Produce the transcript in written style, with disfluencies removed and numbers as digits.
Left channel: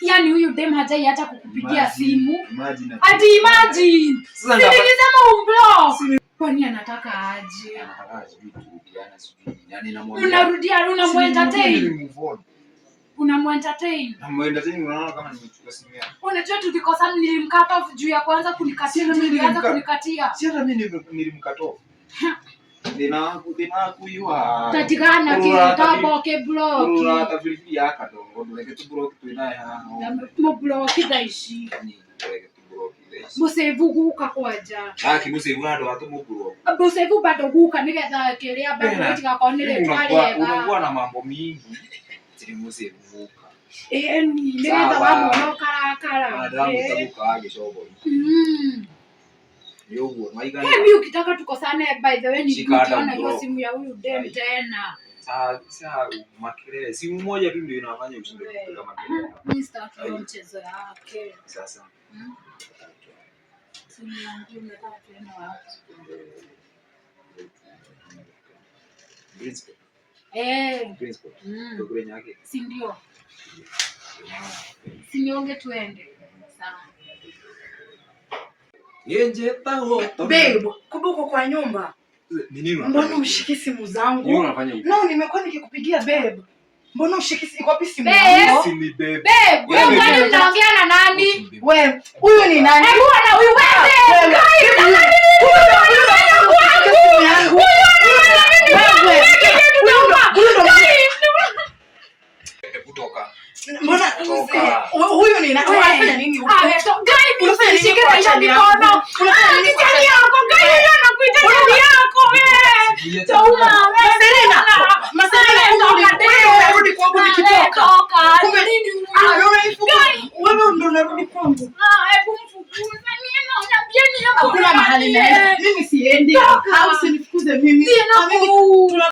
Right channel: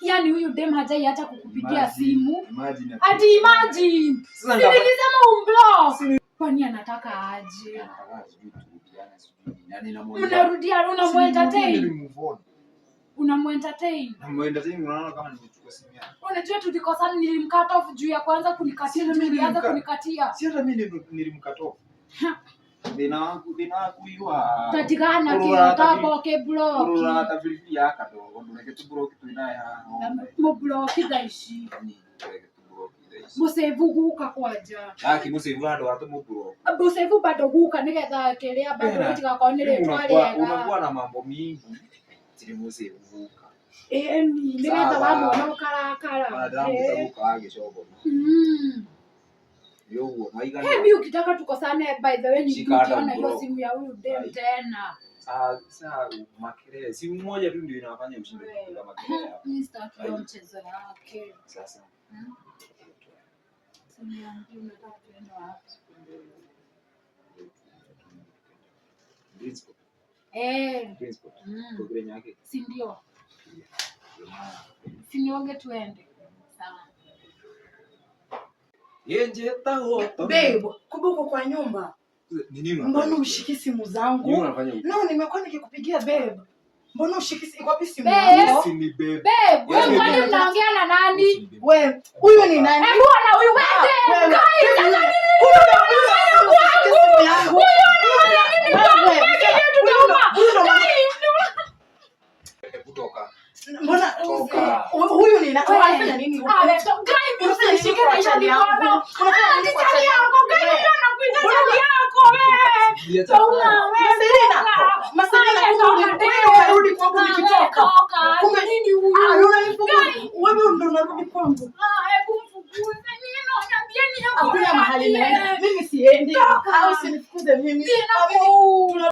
Yaani huyu dem hajaiacha kukupigia simu. Imagine. Sasa nilisema umblock. Kwani anataka aje? Anataka sijui turudiane sijui. Yaani unarudia unamuentertain. Unamuentertain. Namuentertain unaona kama nimechukua simu yake. Unajua tulikosana nilimkata off juu ya kwanza kunikatia. Nilianza kunikatia. Si hata mimi nilimkata off. Dina kuyua. Tatigana kitabo ke block. Ura tafilifili yaka dongo ndeke tu block tu inaye ha. Mo block daishi. Ndeke tu block daishi. Musevu guka kwaja. Kimusevu ndo watu mu block. Musevu bado guka nigetha kelia bado katika konele twaliega. Unakuwa na mambo mingi. Tiri musevu guka. Nigetha wamo karakara. Adamu tabuka age shobo. Mimi ukitaka tukosane by the way nikiona hiyo simu ya huyu dem tena. Sasa makelele simu moja tu ndio inafanya ushinde kupiga makelele hapa. Mimi sitaki mchezo yake. Sasa. Simu yangu nataka tena wapi? Principal. Principal. Ndio kule nyake. Si ndio? Si nionge tuende. Sawa. Yenje tahoto. Babe, kubuko kwa nyumba. Nini unafanya? Mbona ushiki simu zangu? Nini unafanya huko? No, nimekuwa nikikupigia babe. Mbona ushiki iko wapi simu yangu? Si ni babe. Babe, wewe unaongea na nani? Wewe, huyu ni nani? Hebu ana huyu wewe. Kutoka. Mbona huyu ni nani? Unafanya nini huko? Unafanya nini kwa chani yako? Unafanya nini kwa chani yako? Gani anakuita chani yako wewe? Toka. Maserena rudi kwangu nikitoka. Kumbe nini huyu? Wewe ndo unarudi kwangu. Hebu mfukuze nini? Unaniambia ni hapo. Hakuna mahali naenda. Mimi siendi. Au usinifukuze mimi.